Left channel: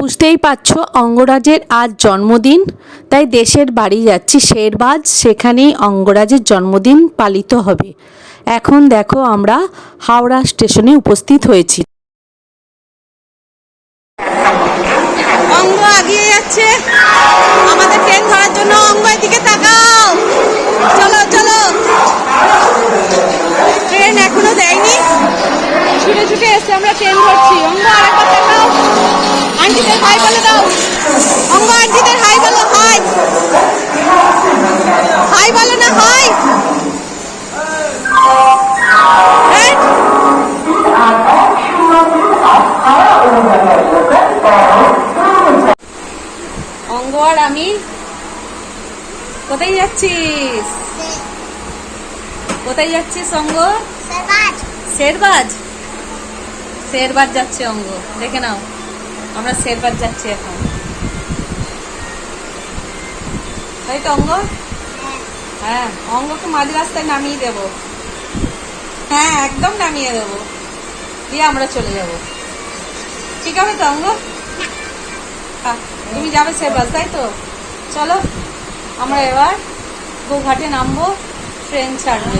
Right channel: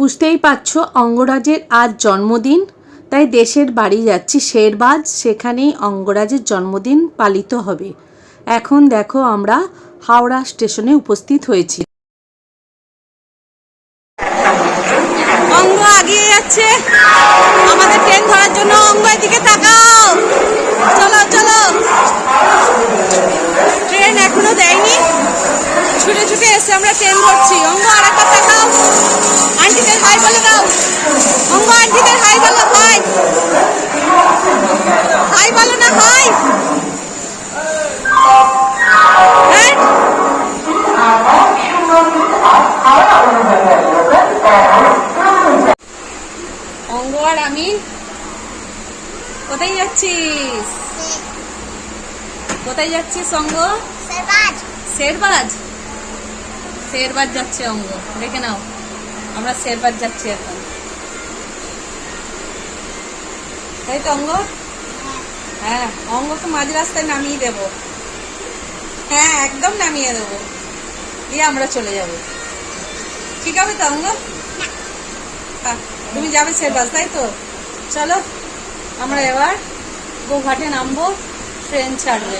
বুঝতেই পারছো অঙ্গরাজের আজ জন্মদিন, তাই দেশের বাড়ি যাচ্ছি শেরবাজ, সেখানেই অঙ্গরাজের জন্মদিন পালিত হবে। এখন দেখো আমরা হাওড়া স্টেশনে উপস্থিত হয়েছি। অঙ্গ এগিয়ে যাচ্ছে আমাদের ট্রেন ধরার জন্য। অঙ্গ এদিকে তাকাও, চলো চলো। ট্রেন এখনো দেয়নি, ছুটে ছুটে এসে আমরা ট্রেন ধরছি। অঙ্গ আরেকবার তাকাও, আন্টিদের হাই বলে দাও। অঙ্গ আন্টিদের হাই বলো, হাই হাই বলো না, হাই। অঙ্গ আর আমি কোথায় যাচ্ছিস? কোথায় যাচ্ছিস অঙ্গ? শেরবাজ। শেরবাজ যাচ্ছে অঙ্গ, দেখে নাও আমরা শেরবাজ যাচ্ছি এখন, তাই তো অঙ্গ? হ্যাঁ, অঙ্গকে মাঝ রাস্তায় নামিয়ে দেবো। হ্যাঁ, একদম নামিয়ে দেবো, দিয়ে আমরা চলে যাব। ঠিক আছে তো অঙ্গ? হ্যাঁ, তুমি যাবে শেরবাজ, তাই তো? চলো আমরা এবার গোঘাটে নামবো, ট্রেন ছাড়বে।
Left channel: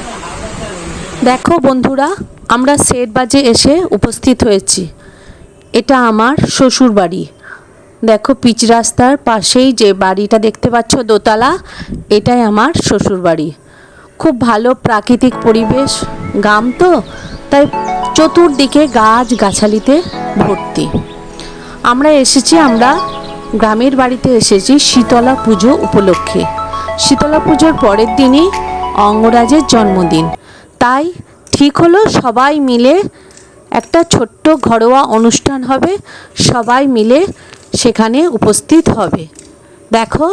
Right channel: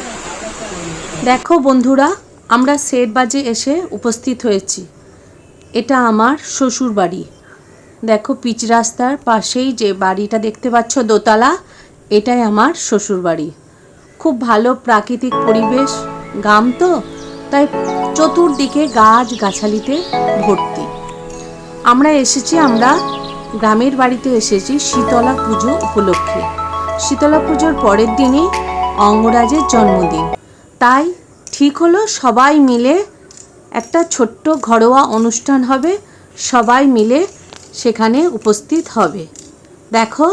দেখো বন্ধুরা, আমরা শেরবাজে এসে উপস্থিত হয়েছি। এটা আমার শ্বশুর বাড়ি। দেখো পিচ রাস্তার পাশেই যে বাড়িটা দেখতে পাচ্ছ দোতলা, এটাই আমার শ্বশুর বাড়ি। খুব ভালো প্রাকৃতিক পরিবেশ, গ্রাম তো, তাই চতুর্দিকে গাছ গাছালিতে ভর্তি। আমরা গ্রামের বাড়িতে এসেছি শীতলা পুজো উপলক্ষে। শীতলা পুজোর পরের দিনই অঙ্গরাজের জন্মদিন, তাই ঠিক হলো সবাই মিলে একটা ছোট্ট ঘরোয়া অনুষ্ঠান হবে, সবাই মিলে সেখানে উপস্থিত হবে। দেখো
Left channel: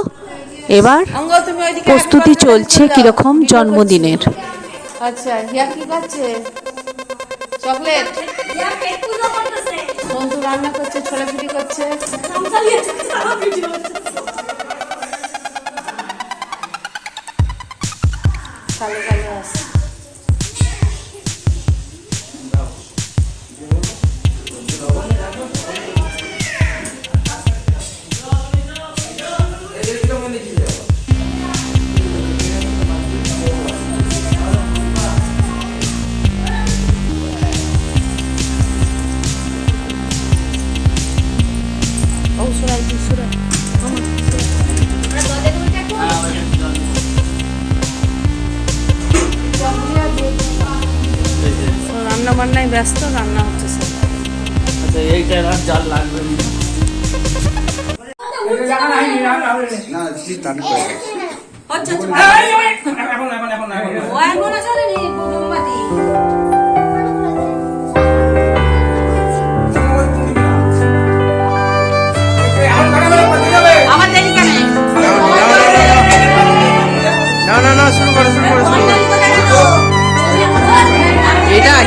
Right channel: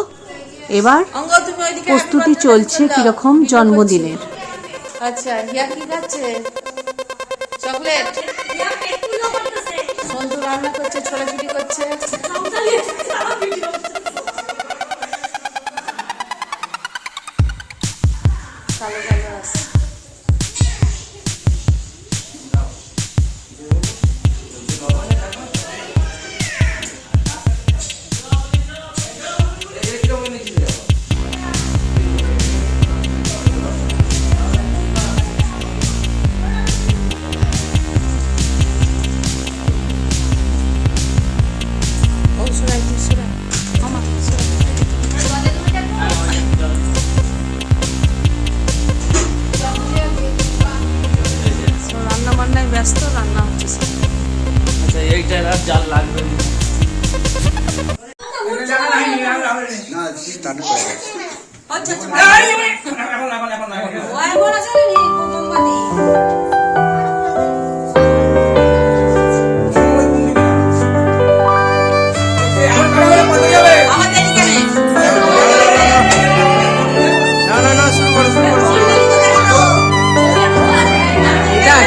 এবার প্রস্তুতি চলছে কিরকম জন্মদিনের। আচ্ছা, হিয়া কি খাচ্ছে? চকলেট। সন্তু রান্না করছে, ছোলাছুটি করছে। কালো কালো আছে। রান্না বান্নায় ব্যস্ত, রান্না হচ্ছে স্যার। আচ্ছা, এইটা আর জাল লাগবে না। না শুরু করো এটা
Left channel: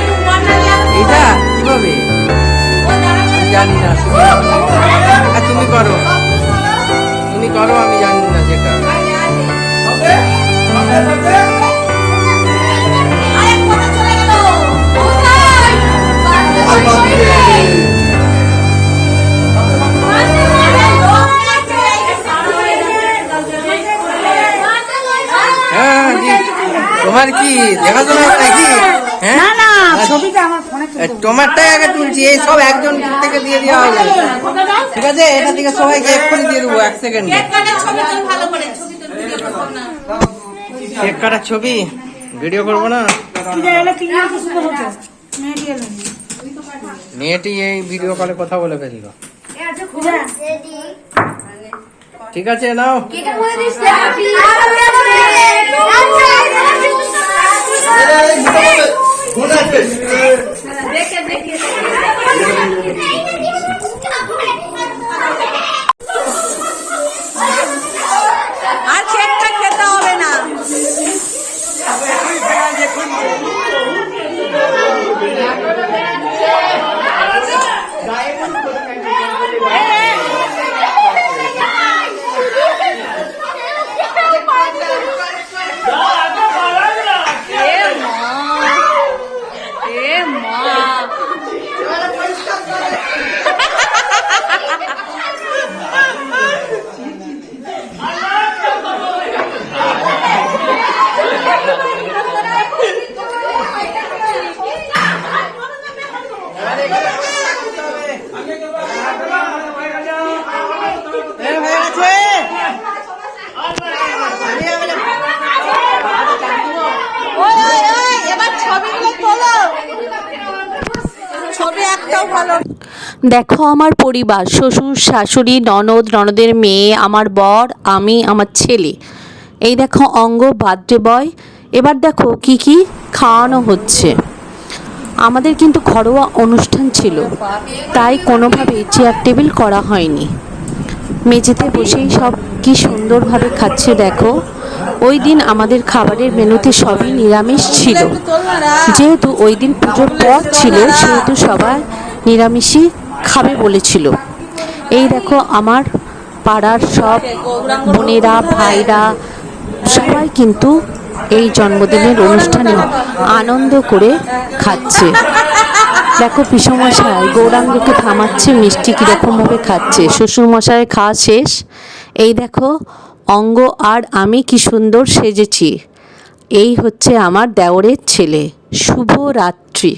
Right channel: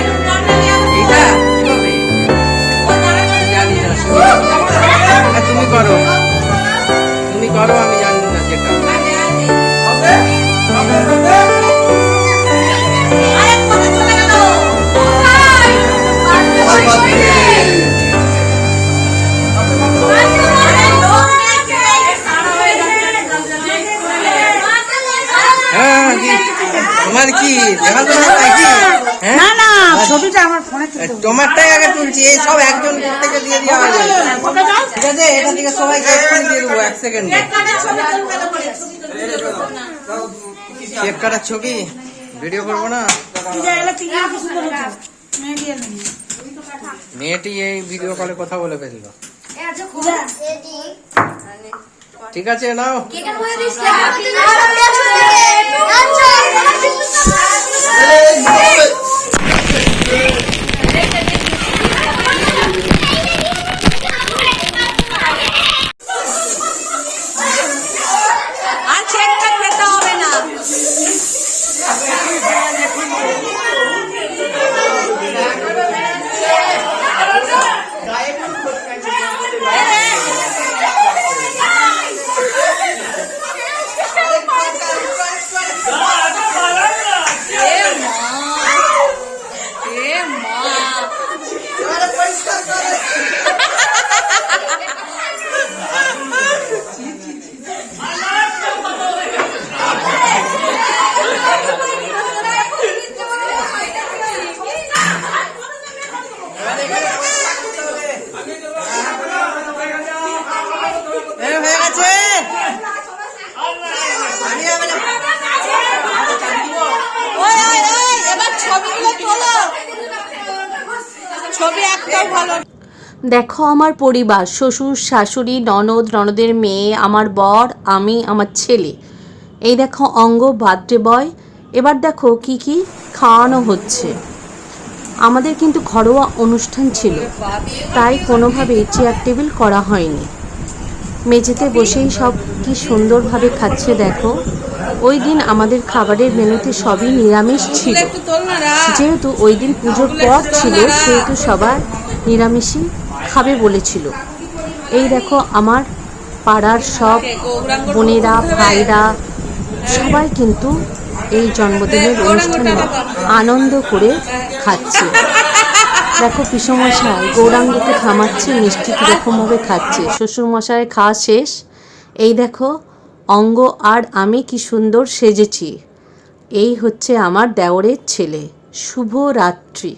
কিভাবে জানি না, তুমি করো আমি জানি না যেটা। হ্যাঁ, তোমার কি দেখাশোনা নাকি? না না, ছবিটা আমার ফোনে তোমারটাই আগে তুলছি, এই সব একজন থেকে দিয়ে দেওয়া হবে। ঠিক আছে, এটা থেকে সবাই এক্ষুনি দিয়ে দেবো, 1 সেকেন্ডে। কেক কাটার ছবি ভিডিও করবো না? মেয়েটি এই ভিডিও কলে কথা বলে ফেললো। ঠিক আছে, নাও। আর চেকটা খেতে হবে না। মা ছবিগুলো তোলো, ছবি একটাও ভালো। দেখো আমার পরিবার, শ্বশুর শাশুড়ি, ননদ, ননদের মেয়ে, আমার বর, আমি, আমার ছেলে। এই দেখো অঙ্গ বার্থডে বয়। এবার দেখো কি কি খাওয়ানো হচ্ছে। আমাদের কিন্তু ঘরোয়া অনুষ্ঠান ছিল, তাই কোনোভাবে চেয়ার টেবিল করা হয়নি। মেঝেতে বসেই সব কি সুন্দরভাবে খাচ্ছে দেখো। ওই দিন আমাদের খাবারের মেনুতে সবই নিরামিষ ছিল। একটু তোল না রা। যেহেতু ওই দিন পুজোর পর ছিল, সেহেতু সবাই নিরামিষই খাবে বলেছিল। এই দেখো আমার পাড়ার সব বোনেরা, ভাইরা সবাই কিন্তু এই জন্মদিনের অনুষ্ঠানে আনন্দ করে খাচ্ছে। দেখো পিসমশাই গৌরাঙ্গকে থামাচ্ছে, মিষ্টি কীরকমভাবে খাচ্ছে। শ্বশুরমশাই খাওয়া শেষ। এই দেখো অঙ্গ আর আমি কি সুন্দর সেজেছি। এই হচ্ছে আমার দেওরের ছেলে। শুভ রাত্রি।